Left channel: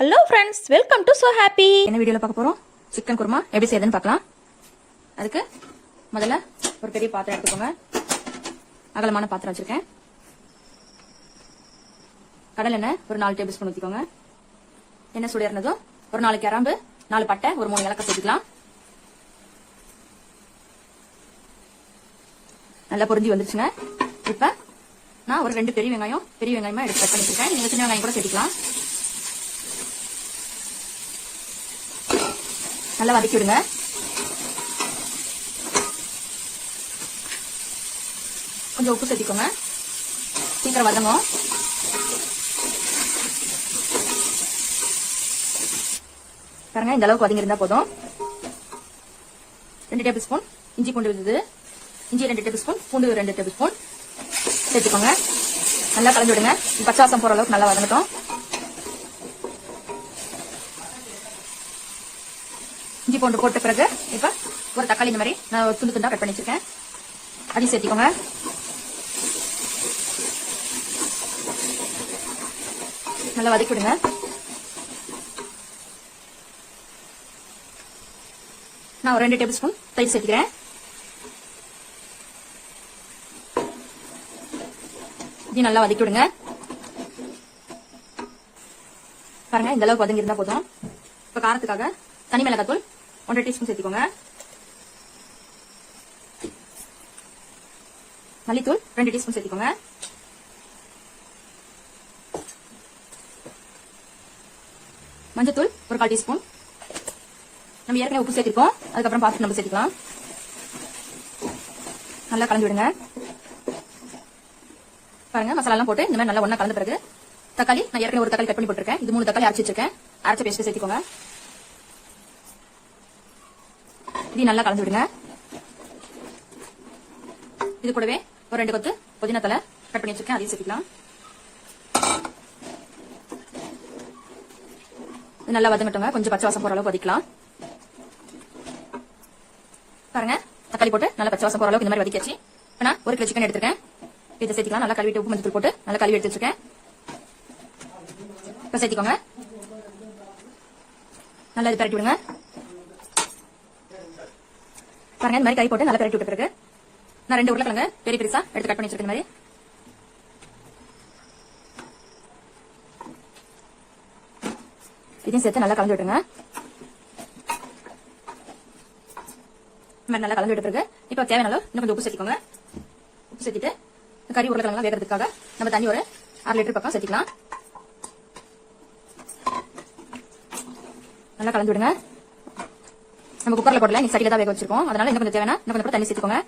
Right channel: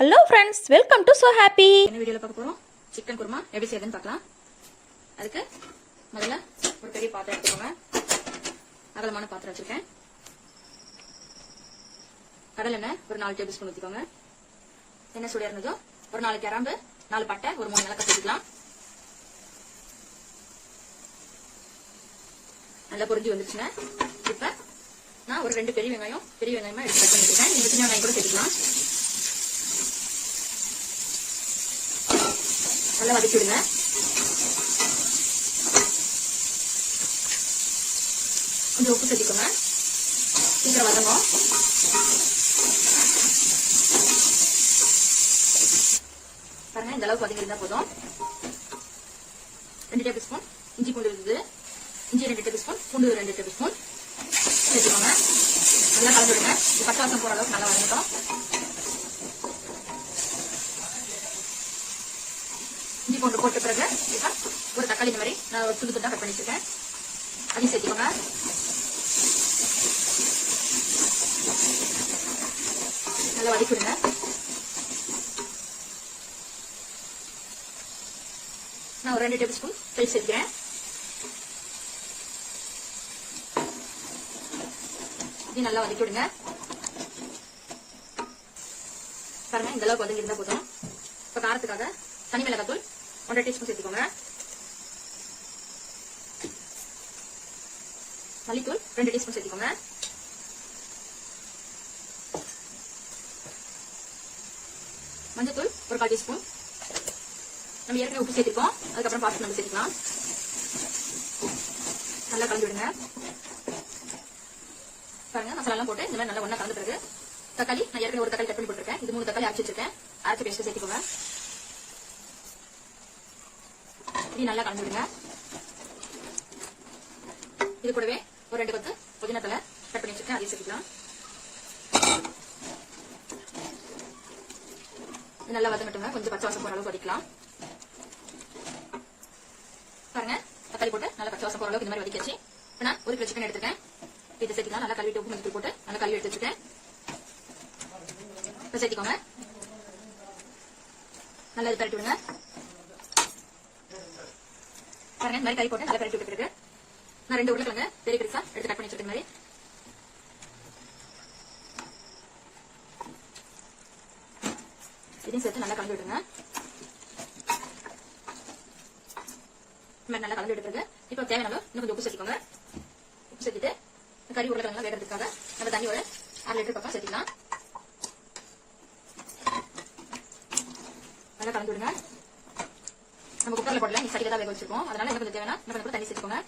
Hello friends, welcome to so happy. என்ன வீடியோல பார்க்க போறோம்? சிக்கன் குருமா எப்படி செய்யுதுன்னு பார்க்கலாம். அதுக்கு முதல்ல ஒரு பெரிய பாத்திரம் எடுத்துக்கோங்க. அகலமான பாத்திரம் வச்சிருக்கேன். கடலை எண்ணெய் ஒரு 4 டேபிள் ஸ்பூன் ஊற்றிக்கோங்க. எண்ணெய் சூடு இருந்ததும் ஒரு 4 கிராம்பு, 4 பட்டை, ஒரு 3 ஏலக்காய் சேர்த்துக்கலாம். நல்லா பொரிஞ்சு வந்துருச்சுங்க. இப்ப நான் ஒரு 2 பெரிய வெங்காயமா எடுத்து கட் பண்ணிருக்கேன். நீங்க சின்ன வெங்காயம் கூட சேர்த்துக்கலாம். நல்லா வதக்கி விடுங்க. கொஞ்சம் உப்பு சேர்த்துக்கோங்க. சீக்கிரம் வதங்கும். பாருங்க, இந்த அளவுக்கு வதங்கிருந்தா போதும். 2 டேபிள் ஸ்பூன் இஞ்சி பூண்டு இருந்தது. இஞ்சி 2 டேபிள் ஸ்பூன், பூண்டு 2 டேபிள் ஸ்பூன் சேர்த்துக்கோங்க. நல்லா கலந்து விடுங்க. பச்சை வாசம் போற அளவுக்கு நல்லா வதங்கட்டும். இஞ்சி பூண்டு போட்ட பிறகு இப்ப ஒரு தக்காளி இந்த மாதிரி நான் துண்டு துண்டா கட் பண்ணி வச்சிருக்கேன். அதையும் சேர்த்துக்கோங்க. நல்லா வதக்கி விடுங்க. நான் ஒரு 2 டேபிள் ஸ்பூன் தயிர் சேர்த்துக்கிறேன். இதையும் நல்லா வதக்கி விடுங்க. பாருங்க, இந்த அளவுக்கு வதங்கி இருந்தா போதும். இப்ப காரத்துக்காக தனி மிளகாத்தூள் 1 டீஸ்பூன் சேர்த்துக்கோங்க. மல்லித்தூள் 2 டீஸ்பூன் சேர்த்துக்கோங்க. மஞ்சத்தூள் ஒரு 1/4 டீஸ்பூன். நம்ம ஏற்கனவே உப்பு சேர்த்திருக்கோம், அதுக்கப்புறம் பார்த்து நம்ம சேர்த்துக்கலாம். நல்லா கலந்து விடுங்க. பாருங்க, மசாலா எல்லாம் போட்டு இந்த மாதிரி நல்லா ஒண்ணா கலந்த பிறகு தக்காளி, நான் ஏற்கனவே ஒரு தக்காளி கட் பண்ணி போட்டிருக்கேன். இது 3 தக்காளி அரைச்சு வச்சிருக்கேன். அரைச்ச பேஸ்ட் சேர்த்துக்கோங்க. இதையும் நல்லா கலந்து விடுங்க. இது கூடவே ஒரு 2 கொத்து புதினா தலை கட் பண்ணி வச்சிருக்கேன். அதையும் சேர்த்துக்கலாம். இது நல்லா வதங்கட்டுங்க. கொஞ்சம் பச்சை வாசம் போற அளவுக்கு வதக்கலாம். பாருங்க, தக்காளி போட்டு நல்லா பச்சை வாசம் போற அளவுக்கு இந்த மாதிரி வதக்கியாச்சு. இப்ப நான் 1 கிலோ சிக்கன் எடுத்துருக்கேன். இதை சேர்த்துக்கலாம். நல்லா கழுவிட்டு உப்பு மஞ்சள் போட்டு நல்லா கழுவி எடுத்து வச்சிருக்கேன். இப்ப சேர்த்துக்கோங்க. நல்லா இது பரட்டி விடுங்க. பாருங்க, இந்த மாதிரி கறி போட்டு நல்லா பரட்டி விட்டு பிறகு நான் 2 உருளைக்கிழங்கு பெரிய பெருசா எடுத்து கட் பண்ணி வச்சிருக்கேன். மாதிரி இதையும் சேர்த்து நல்லா கலந்து விட்டுருங்க. நல்லா கலந்து விட்ட பிறகு இப்ப தேவையான அளவு இன்னும் கொஞ்சம் உப்பு சேர்த்துக்கோங்க. உப்பு சேர்த்துட்டு கறி உருளைக்கிழங்கு வேகிறதுக்காக நம்ம தண்ணி ஒரு 1/2 லிட்டர் பக்கம் சேர்த்துக்கலாம். நல்லா கலந்து விடுங்க. நம்ம குக்கர்ல போடல, நீ சரியில தான் வேக வச்சிருக்கோம். அதனால இன்னும் கொஞ்சம் தேவைன்னா இன்னும் கொஞ்சம் தண்ணி சேர்த்துக்கோங்க.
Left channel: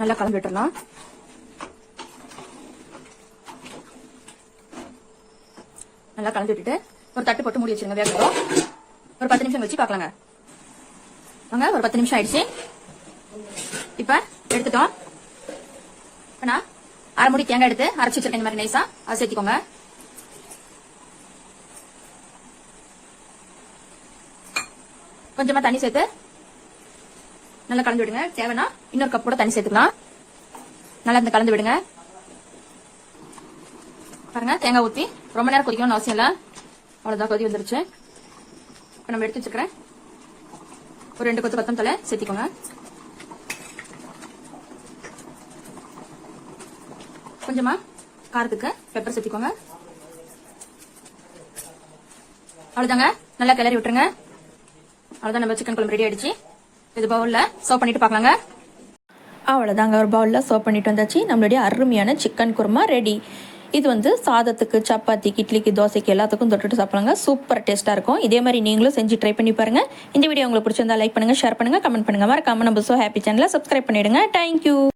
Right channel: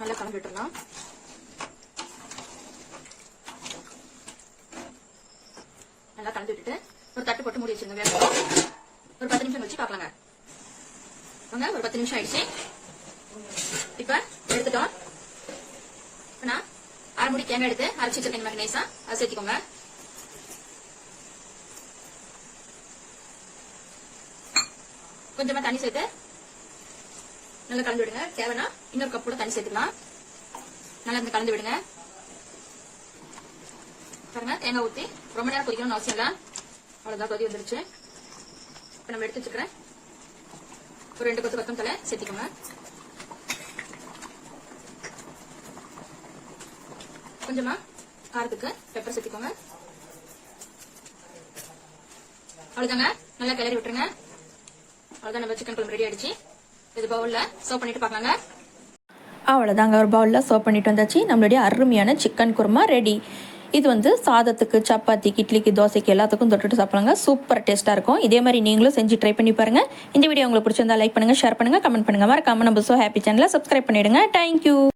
நல்லா கலந்து விட்டுறலாம். நல்லா கலந்து விட்டுட்டு ஒரு தட்டு போட்டு மூடி வச்சிருங்க. வேக ஒரு 10 நிமிஷம் வச்சு பாக்கலாங்க. ஒரு 10 நிமிஷம் ஆயிடுச்சு. இப்ப எடுத்துட்டோம். நான் 1/2 மூடி தேங்காய் எடுத்து அரைச்சு வச்சிருக்கேன். மாதிரி நைஸா அதை சேர்த்துக்கோங்க. கொஞ்சமா தண்ணி சேர்த்து நல்லா கலந்து விடுங்க. தேவைன்னா இன்னொரு கப் கூட தண்ணி சேர்த்துக்கலாம். நல்லா இந்த கலந்து விடுங்க. பாருங்க, தேங்காய் ஊத்தி ரொம்ப நேரம் கொதிக்கணும்னு அவசியம் இல்ல. அவ்வளவுதான், கொதி வந்துருச்சு. இப்ப நம்ம எடுத்து வச்சுக்கிறேன். ஒரு 2 கொத்து கொத்தமல்லி சேர்த்திக்கோங்க. கொஞ்சமா காரத்துக்கு பெப்பர் சேர்த்திக்கோங்க. அவ்வளவுதாங்க, நல்லா கிளறி விட்டுருங்க. அவ்வளவுதான், நம்ம சிக்கன் குழம்பு ரெடி ஆயிடுச்சு. இது பவுல்ல சர்வ் பண்ணிட்டு பாக்கலாங்க. அவ்வளோதாங்க, ஒரு பவுலில் சர்வ் பண்ணிட்டு வந்தாச்சு. நம்மளுடைய அருமையான சிக்கன் குருமா ரெடி. இது வந்து சாதத்துக்கு, சப்பாத்திக்கு, இட்லிக்கு, தோசைக்கு எல்லாத்துக்கும் தொட்டுட்டு சாப்பிடுங்க. சூப்பர் டேஸ்ட்டாக இருக்கும். இதே மாதிரி நீங்களும் செஞ்சு ட்ரை பண்ணி பாருங்கள். இந்த வீடியோ உங்களுக்கு பிடிச்சிருந்தா லைக் பண்ணுங்கள், ஷேர் பண்ணுங்கள், கமெண்ட் பண்ணுங்கள். மறக்காம நம்ம சோ ஹாப்பி சேனலை சப்ஸ்கிரைப் பண்ணிவிடுங்க. தேங்க்யூ.